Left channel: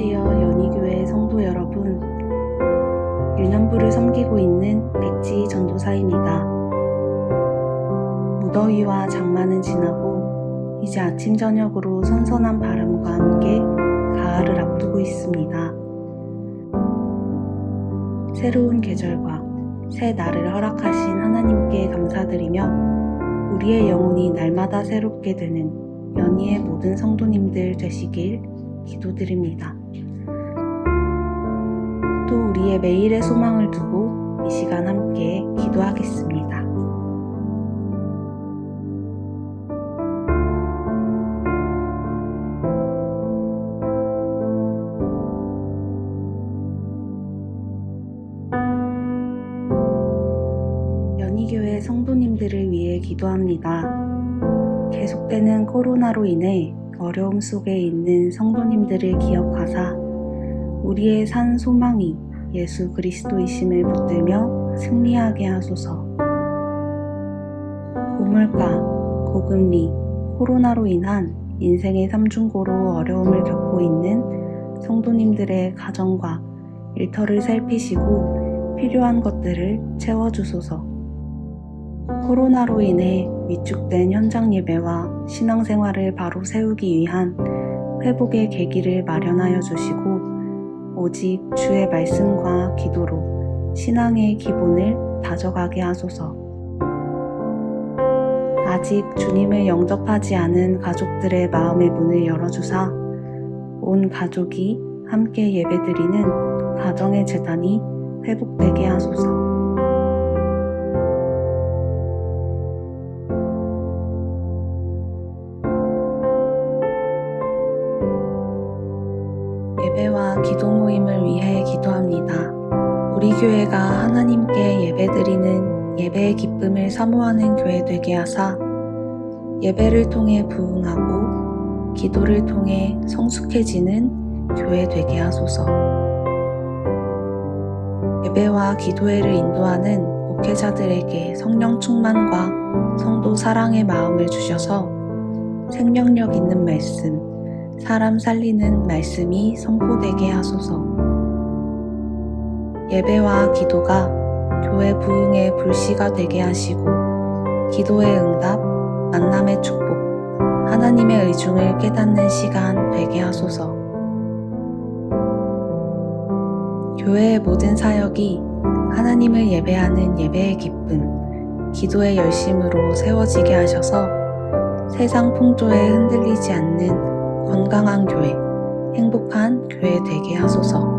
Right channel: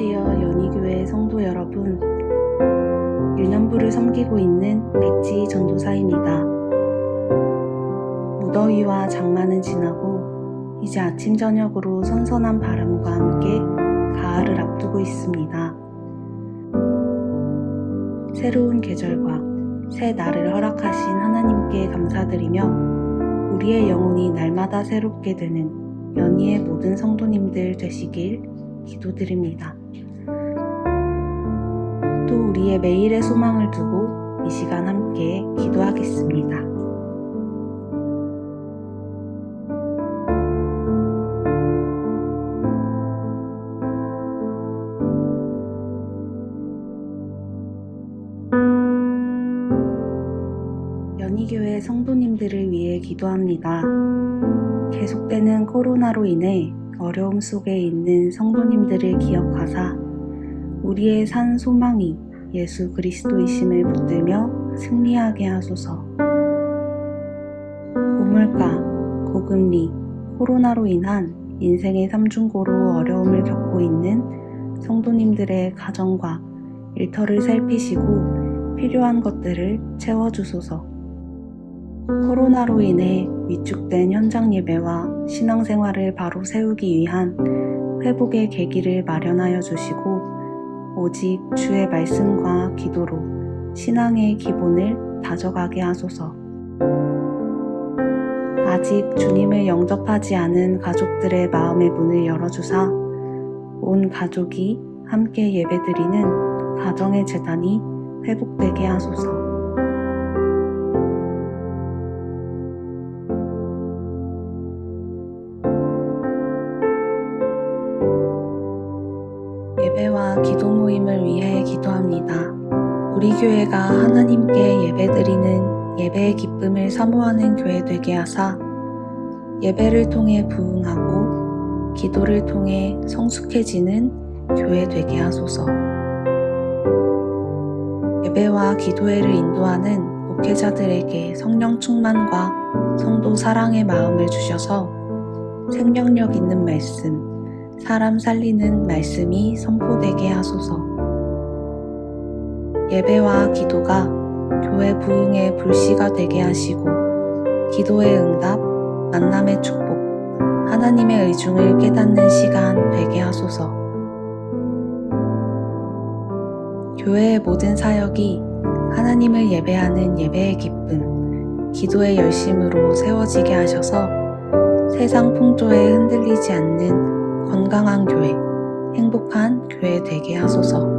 안녕하세요. 연희교회 성도 여러분. 유년부를 섬기고 있는 백지 전도사입니다. 무더위와 장마는 지나고 이제 아침 저녁으로 선선한 바람과 함께 가을을 앞두고 있습니다. 새로운 계절과 새 날을 허락하신 하나님께 감사드리며 우리의 영혼이 날마다 새롭게 되는 연희의 모든 성도님들 되시길 기도드립니다. 또 우리의 매일의 소망을 두고 이 시간 함께 기도하겠습니다. 연희교회 성도님들을 위해 기도합니다. 계속되는 코로나로 인해 어려움 속에 있는 성도님들을 기억하사 우리의 산 소망이 예수 그리스도이심을 붙들며 승리하게 하소서. 고물가, 고금리, 코로나로 인한 인생의 삼중고로 어려움을 겪고 있는 성도님들의 가정과 일터를 살피시고 필요한 것들을 채워주소서. 코로나로 인해 위축된 현장 예배와 신앙생활을 바로 세우기 위한 회복의 계기를 마련하여 주시고 오직 주의 말씀과 기도로 신앙의 기본을 다져가게 하소서. 아직 주님을 영접하지 않은 가족들의 마음의 문을 열어주사 온 가족이 함께 예배드리는 가정의 재단이 회복되게 하소서. 예배와 기도 모임을 위해 기도합니다. 우리 교회가 하나님께 예배드리는 예배의 기쁨을 사모하는 교회 되게 하사 예배를 통해 부흥하고 기도를 통해 성숙해지는 교회 되게 하소서. 예배와 기도회를 인도하는 목회자들에게 성령 충만과 성도 사랑의 마음을 주셔서 생명력 있는 말씀, 사람 살리는 말씀이 선포되게 하소서. 예배와 기도가 교회 부흥의 불씨가 되게 하시고 기도의 응답, 만남의 축복, 하나님의 의중을 깨닫는 시간 되게 하소서. 교회의 모든 사역이 하나님을 예배하는 예배의 기쁨, 기도의 열심으로 세워지게 하셔서 세상 풍조에 흔들리지 않는 건강한 교회, 행복한 교회 되게 하소서.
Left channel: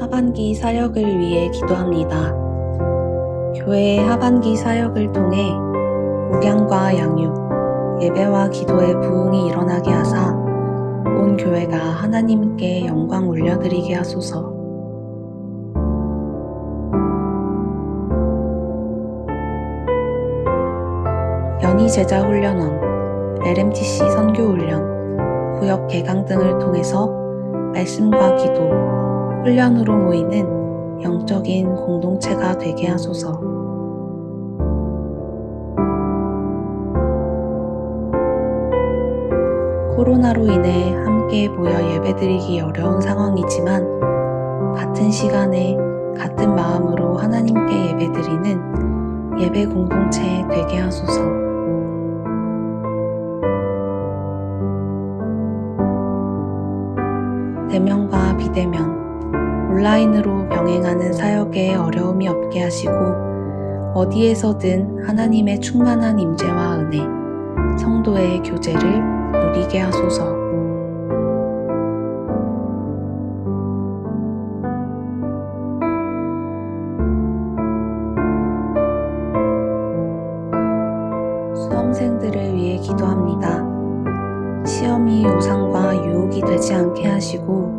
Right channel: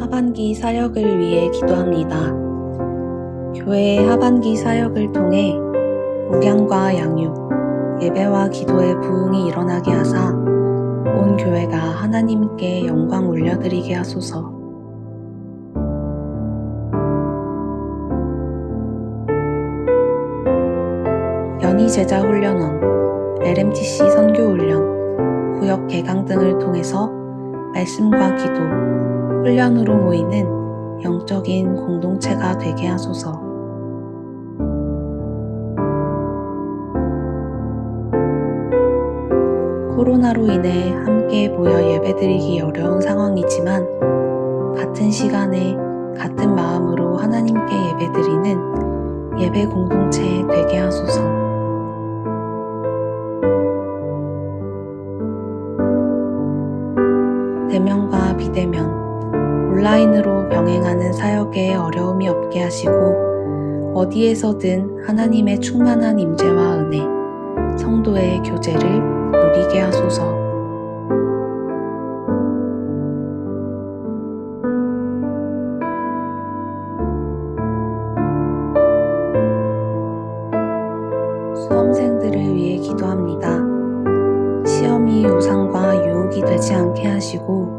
하반기 사역을 위해 기도합니다. 교회의 하반기 사역을 통해 목양과 양육, 예배와 기도의 부흥이 일어나게 하사 온 교회가 하나님께 영광 올려드리게 하소서. 연희제자훈련원, LMTC 선교훈련, 구역 개강 등을 통해서 말씀과 기도, 훈련으로 모이는 영적인 공동체가 되게 하소서. 코로나로 인해 함께 모여 예배드리기 어려운 상황이지만 같은 시간에 같은 마음으로 하나님께 예배드리는 예배 공동체 되게 하소서. 대면과 비대면, 온라인으로 병행하는 사역에 어려움이 없게 하시고 어디에서든 하나님의 충만한 임재와 은혜, 성도의 교제를 누리게 하소서. 수험생들을 위해 기도합니다. 시험이 우상과 유혹이 되지 않게 하시고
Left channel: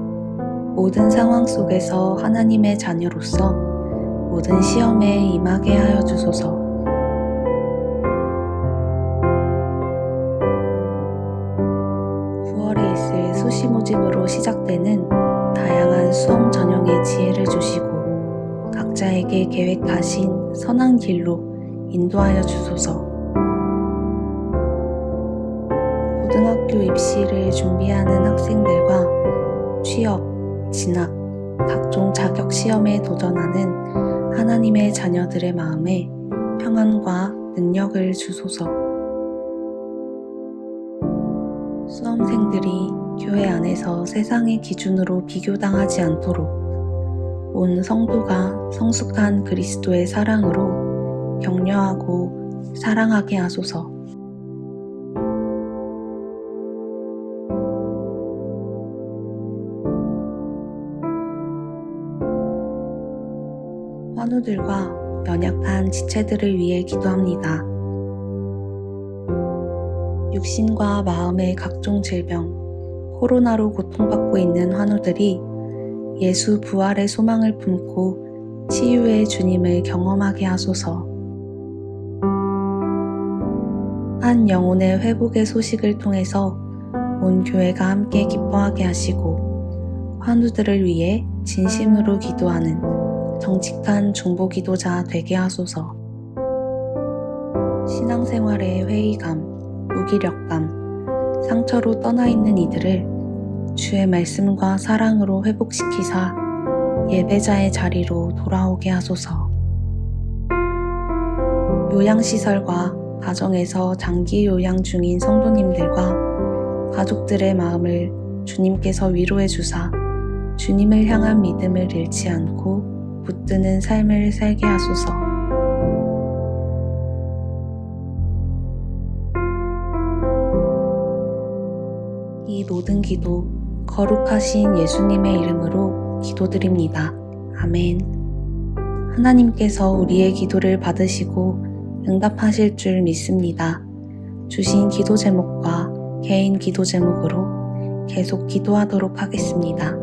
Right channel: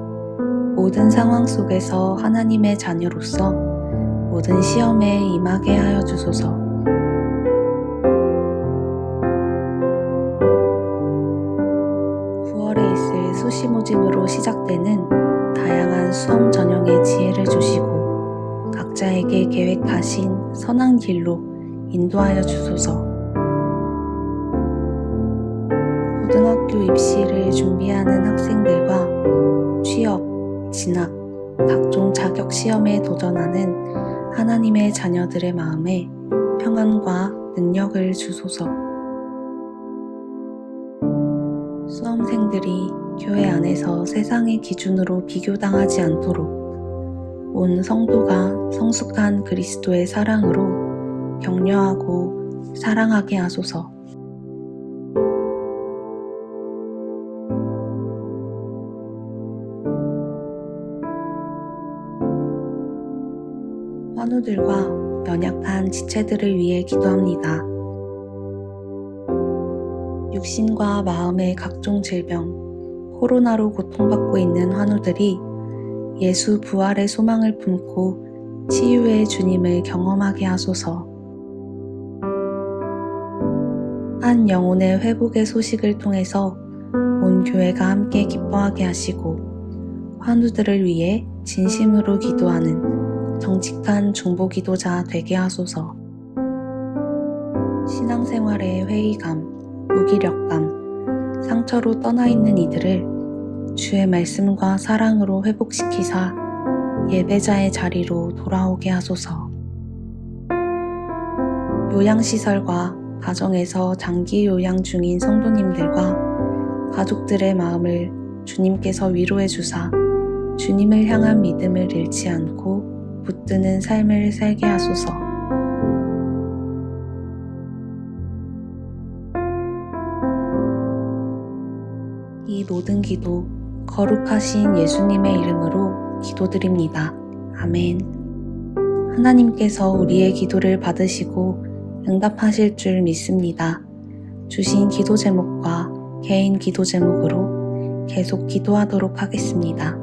모든 상황 속에서 하나님의 자녀로서 모든 시험에 임하게 하여 주소서. 9월에 있을 수시 모집으로 시작되는 다양한 수험 전형의 지혜를 주시고 각자에게 계획하신 선한 길로 인도하여 주소서. 고등학교 입시를 준비하는 학생들과 취업, 진학, 각종 자격 시험에 도전하는 하나님의 자녀들의 마음에 평안과 능력을 주소서. 수험생들이 교회 안에서 세상의 기준으로 비교당하지 않도록 온 성도가 성숙한 그리스도의 사랑으로 격려하고 사랑하게 하소서. 환우들과 연약한 지체들을 위해 기도합니다. 육신과 마음의 각종 질병, 코로나로 고통받고 있는 환우들이 예수 부활의 소망을 품고 치유의 주님을 경험하게 하소서. 한 영혼의 회복의 소식을 통해서 온 교회가 함께 기뻐하게 하시고 환우들을 위해 진심으로 기도하는 정직한 중보기도자 되게 하소서. 신앙생활의 회의감, 무기력감, 상처로 떠나 있는 이들을 주의 말씀과 사랑으로 회복시키사 예배자의 자리로 돌아오게 하소서. 요양시설과 가정에서 장기 요양 중인 성도님들과 가족들의 마음을 주님께서 위로해 주사 주님을 향한 믿음을 잃지 않고 붙드는 삶을 살게 하소서. 이 모든 기도 거룩하신 예수님의 이름으로 기도드립니다. 아멘. 하나님께서 우리의 기도를 받으시고 응답하실 줄 믿습니다. 주신 기도 제목과 개인 기도 제목으로 계속 기도하도록 하겠습니다.